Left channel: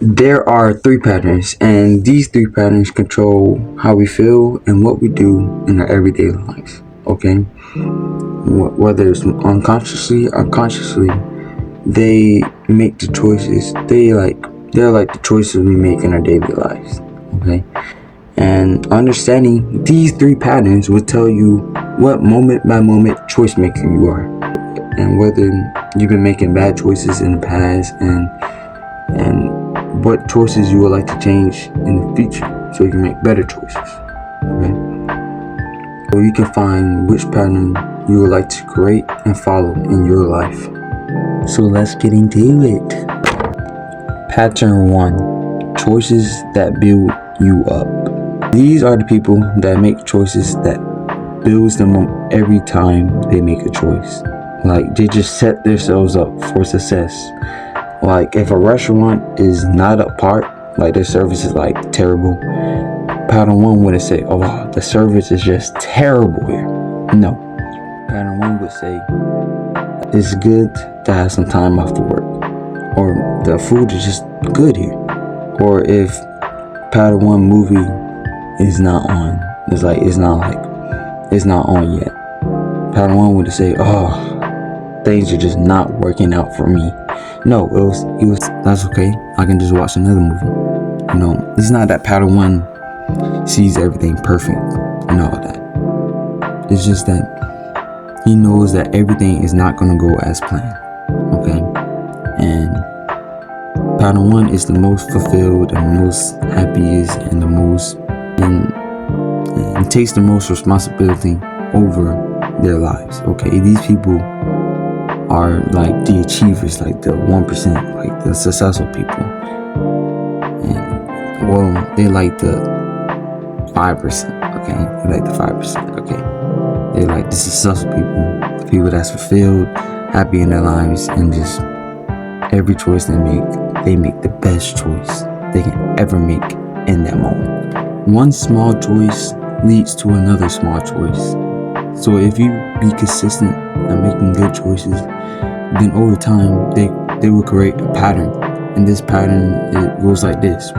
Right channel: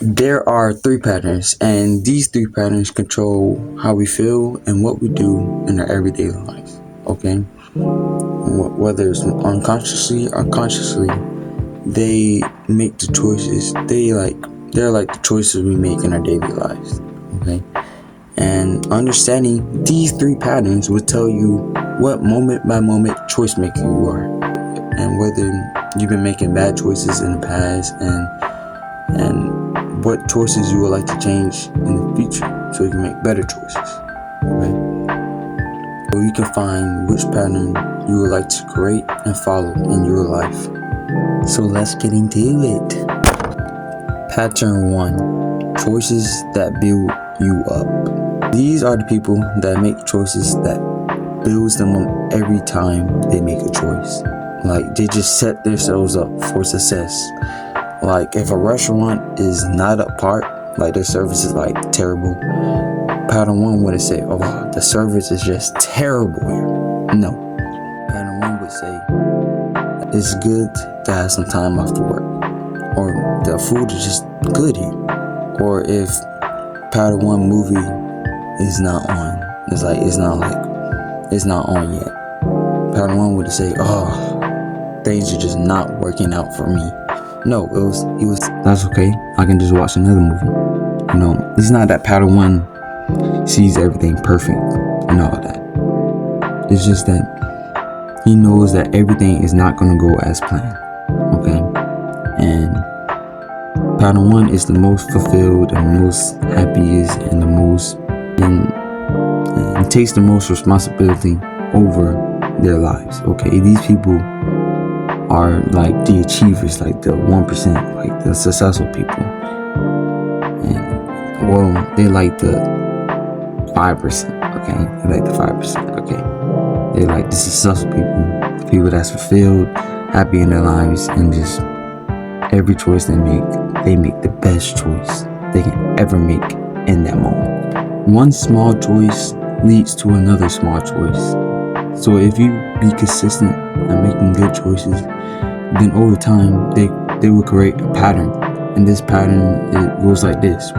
There are three patterns, and these three patterns control how we feel and what we do in our everyday lives. Okay, whether it's unconsciously or consciously, they make the choices. They're like the choices we make in our daily lives. Okay, and understanding these three patterns will tell you what moment by moment choice maker you are, and whether you've been making bad choices in the past, and what choices you would like to change in the future so you can make better choices. Okay? So you can find which pattern you would like to create and follow in your life. So let's get into it. Pattern 1. Choices that build you up. These are the people that make choices that builds them up every time they make a choice. Like, they just set themselves up for success. Like, if a restaurant is not up par, like their service is like terrible, pattern 1 wouldn't say, oh, the service is just terrible here. No. Pattern 1 would say, it's good to have some time off the work, or the food is just good here. Or if pattern 1 movie is not on, it's not on yet, pattern 1 would say, oh, things are just not working out for me. No, it was that's okay, I can just watch another movie. You know, it's not that pattern 1 sees everything perfect and all that. It's just that he knows that everything is not going to go as planned. Okay, and pattern 1 is the most fulfilled and most happiest and the most and takes the most responsibility over their lives. Okay, these people are like the achievers, like the 1%, like the successful people, and well, they like the 5%. Okay, they like the 5%. Okay, they like the successful people, the people that's fulfilled, happy in their lives, and just every choice they make the best choice they can ever make in that moment. One small choice leads to another small choice. So if you be consistent at making good choices, then over time they will create a pattern. And this pattern, it goes like this.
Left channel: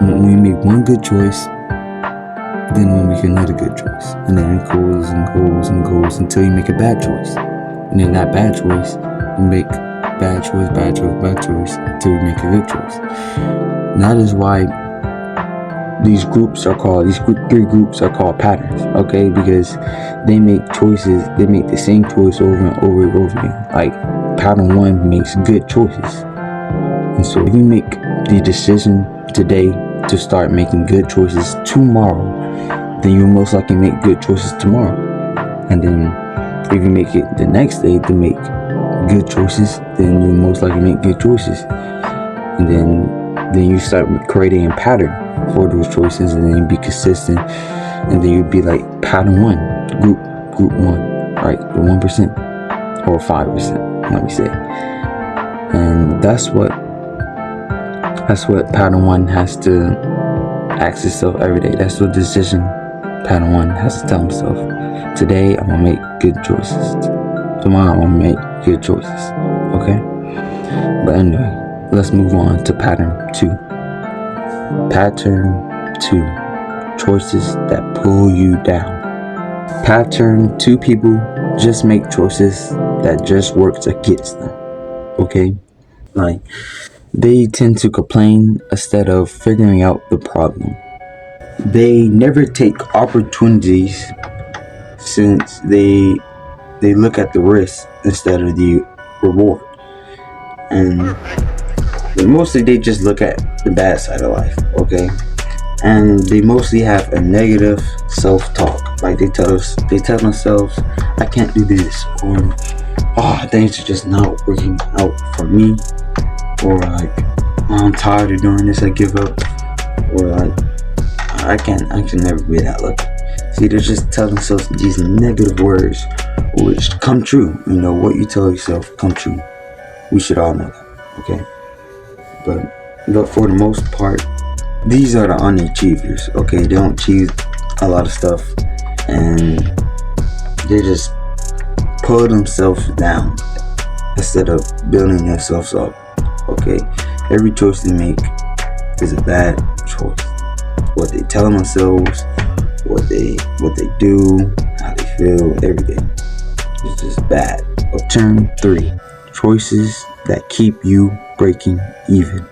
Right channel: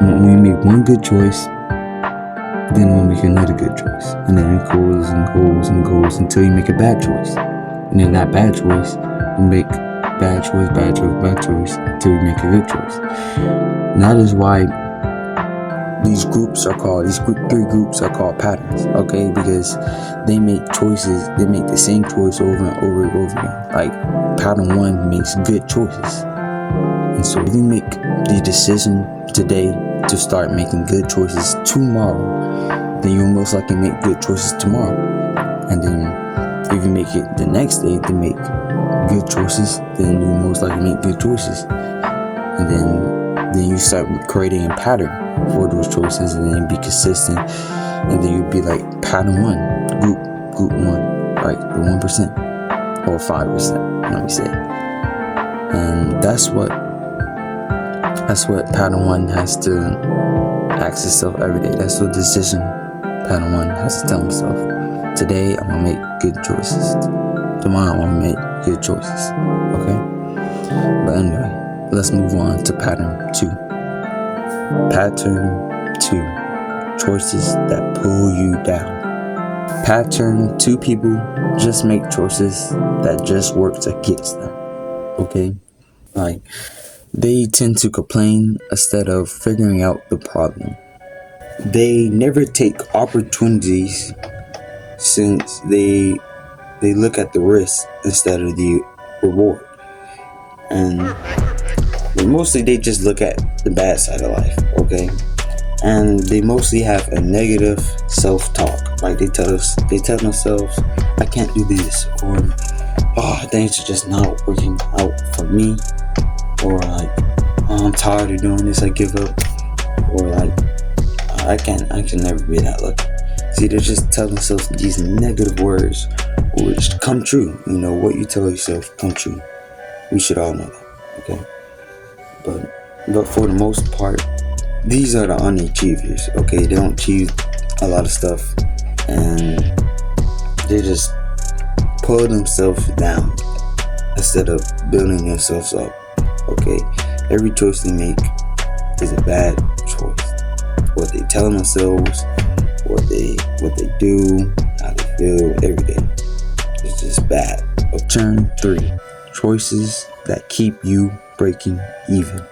When we make one good choice, then we'll make another good choice. And then it goes and goes and goes until you make a bad choice. And then that bad choice will make bad choice until you make a good choice. And that is why these three groups are called patterns, okay? Because they make choices, they make the same choice over and over and over again. Like, pattern 1 makes good choices. And so if you make the decision today to start making good choices tomorrow, then you'll most likely make good choices tomorrow. And then if you make it the next day to make good choices, then you'll most likely make good choices. And then you start creating a pattern for those choices, and then you be consistent, and then you'd be like pattern 1, group 1, right? The 1% or 5%, let me say. And that's what pattern 1 has to ask itself every day. That's what decision pattern 1 has to tell himself. Today I'm gonna make good choices. Tomorrow I'm gonna make good choices. Okay? But anyway, let's move on to pattern 2. Pattern 2. Choices that pull you down. Pattern 2 people just make choices that just works against them. Okay? Like, they tend to complain instead of figuring out the problem. They never take opportunities, since they look at the risk instead of the reward. And mostly they just look at the bad side of life, okay? And they mostly have a negative self-talk. Like, they tell themselves, I can't do this, or things are just not working out for me, or like, I'm tired of doing this, I give up, or like, I can never be that lucky. See, they're just telling themselves these negative words, which come true. You know, what you tell yourself come true. We should all know that, okay? But for the most part, these are the unachievers, okay? They don't achieve a lot of stuff, and they just pull themselves down instead of building themselves up, okay? Every choice they make is a bad choice. What they tell themselves, what they do, how they feel, everything. It's just bad. Pattern 3. Choices that keep you breaking even.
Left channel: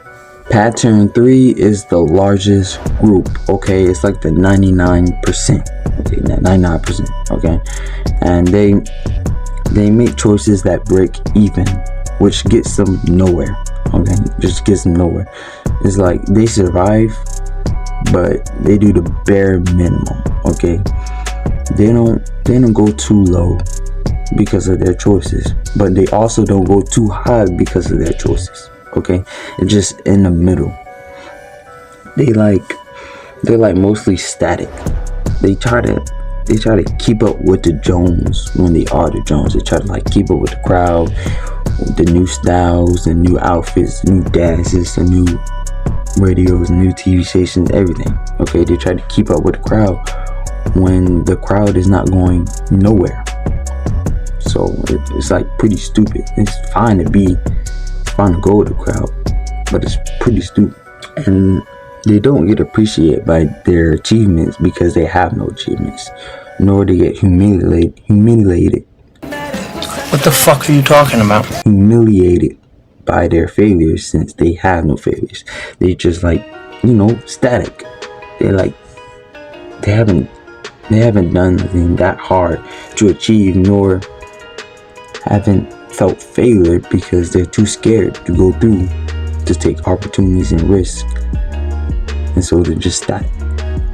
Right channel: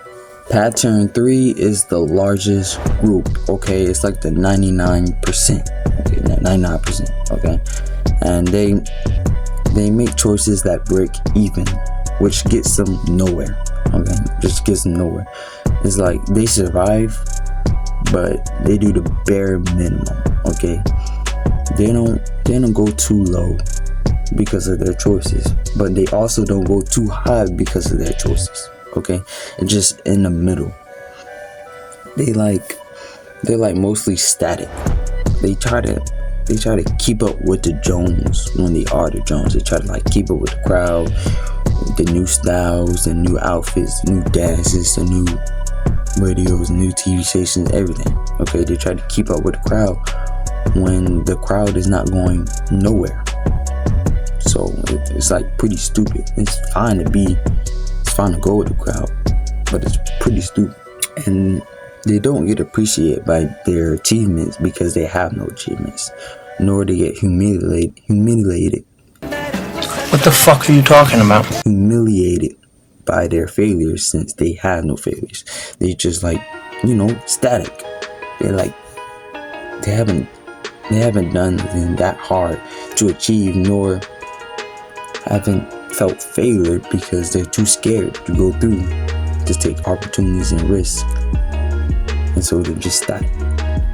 Pattern 3 is the largest group, okay? It's like the 99%, okay? 99%, okay? And they make choices that break even, which gets them nowhere, okay? Just gets them nowhere. It's like they survive, but they do the bare minimum, okay? They don't go too low because of their choices, but they also don't go too high because of their choices, okay? It's just in the middle. They're like mostly static. They try to keep up with the Jones when they are the Jones. They try to like keep up with the crowd, the new styles, the new outfits, the new dances, the new radios, new TV stations, everything. Okay, they try to keep up with the crowd when the crowd is not going nowhere. So it's like pretty stupid. It's fine to go with the crowd, but it's pretty stupid. And they don't get appreciated by their achievements because they have no achievements, nor they get humiliated. What the fuck are you talking about? Humiliated by their failures since they have no failures. They just like, static. They haven't done anything that hard to achieve, nor haven't felt failure because they're too scared to go through, to take opportunities and risks. And so they're just static.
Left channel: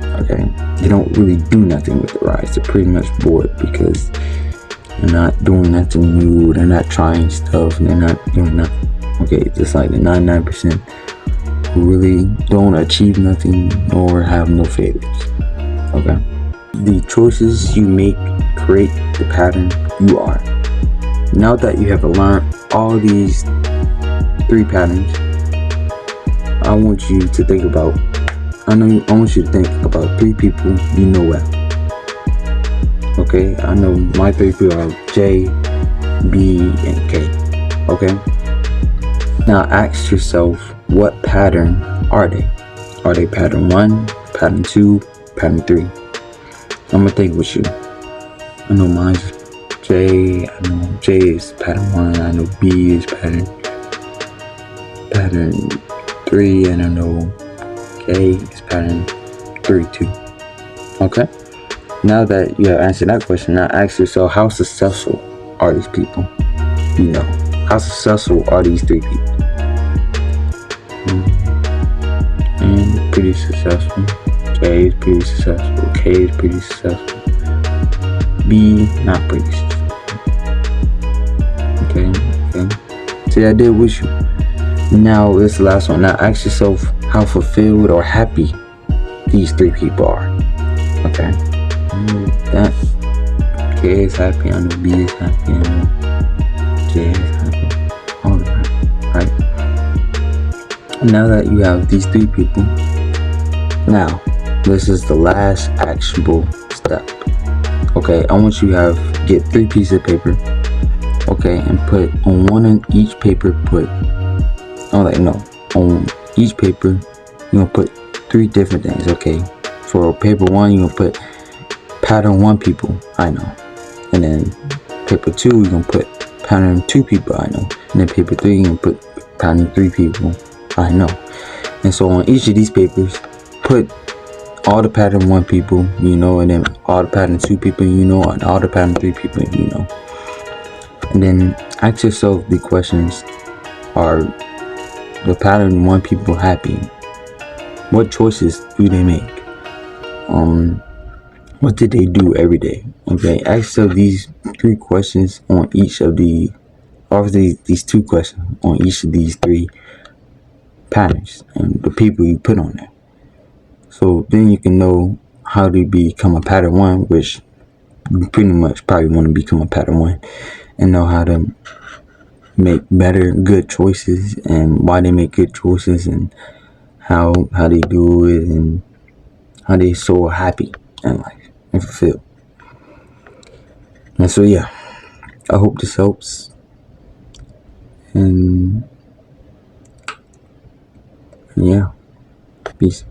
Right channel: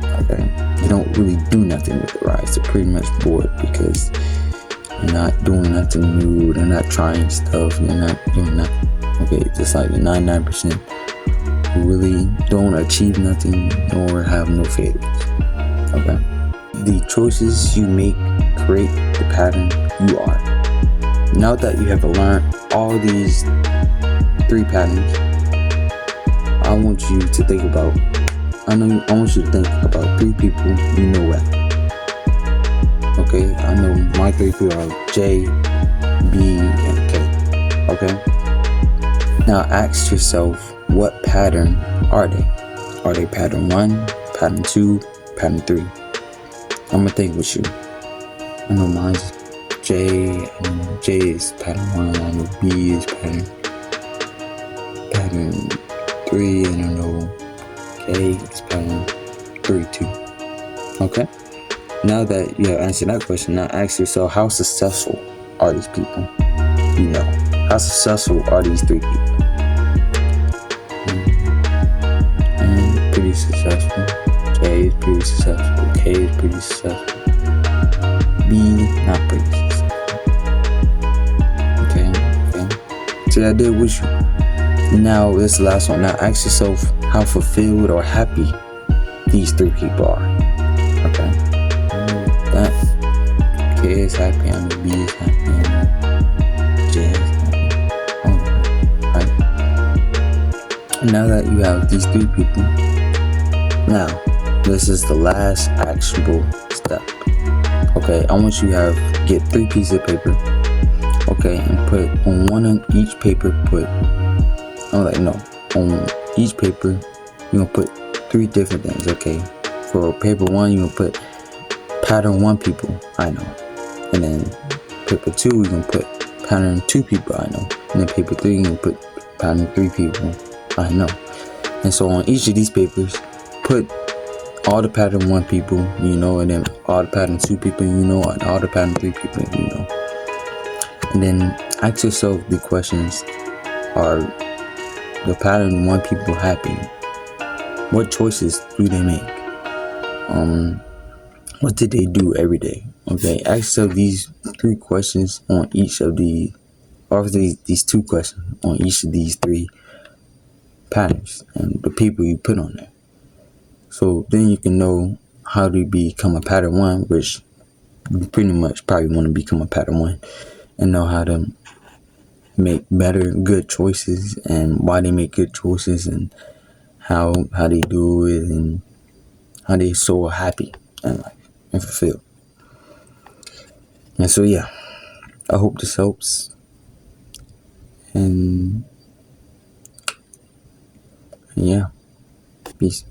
Okay, they don't really do nothing with their lives. They're pretty much bored because they're not doing nothing new. They're not trying stuff. They're not doing nothing. Okay, just like the 99% who really don't achieve nothing or have no failures. Okay, the choices you make create the pattern you are. Now that you have learned all these 3 patterns, I want you to think about 3 people you know well. Okay, I know my 3 people are J, B, and K. Okay? Now ask yourself, what pattern are they? Are they pattern 1, pattern 2, pattern 3? I'm gonna think with you. I know mine's J. I know J is pattern 1. I know B is pattern 3, and I know K is pattern 3 too. Okay? Now that you have answered that question, now ask yourself, how successful are these people? How successful are these 3 people? And pretty successful. J is pretty successful. K is pretty successful. B, not pretty successful. Okay. See, I did with you. Now, this is the last one. Now, ask yourself how fulfilled or happy these 3 people are. Okay. That K is happy. I know B is happy. I know J is happy. Alright. Now that you have these 3 people, now, this is the last actionable step. Okay, I want you to get 3 pieces of paper. Okay, and put on one of each paper, on each paper, you're gonna put 3 different things, okay? For paper 1, you're gonna put pattern 1 people, I know. And then paper 2, you're gonna put pattern 2 people, I know. And then paper 3, you're gonna put pattern 3 people, I know. And so on each of these papers, put all the pattern 1 people, and then all the pattern 2 people, and all the pattern 3 people, And then ask yourself the questions, are the pattern 1 people happy? What choices do they make? What did they do every day? Okay, ask yourself these 3 questions on each of these 2 questions on each of these 3 patterns and the people you put on there. So then you can know how to become a pattern 1, which you pretty much probably want to become a pattern 1, and know how to make better, good choices, and why they make good choices, and how they do it, and how they so happy in life and fulfilled. And so yeah, I hope this helps, and Yeah. Peace.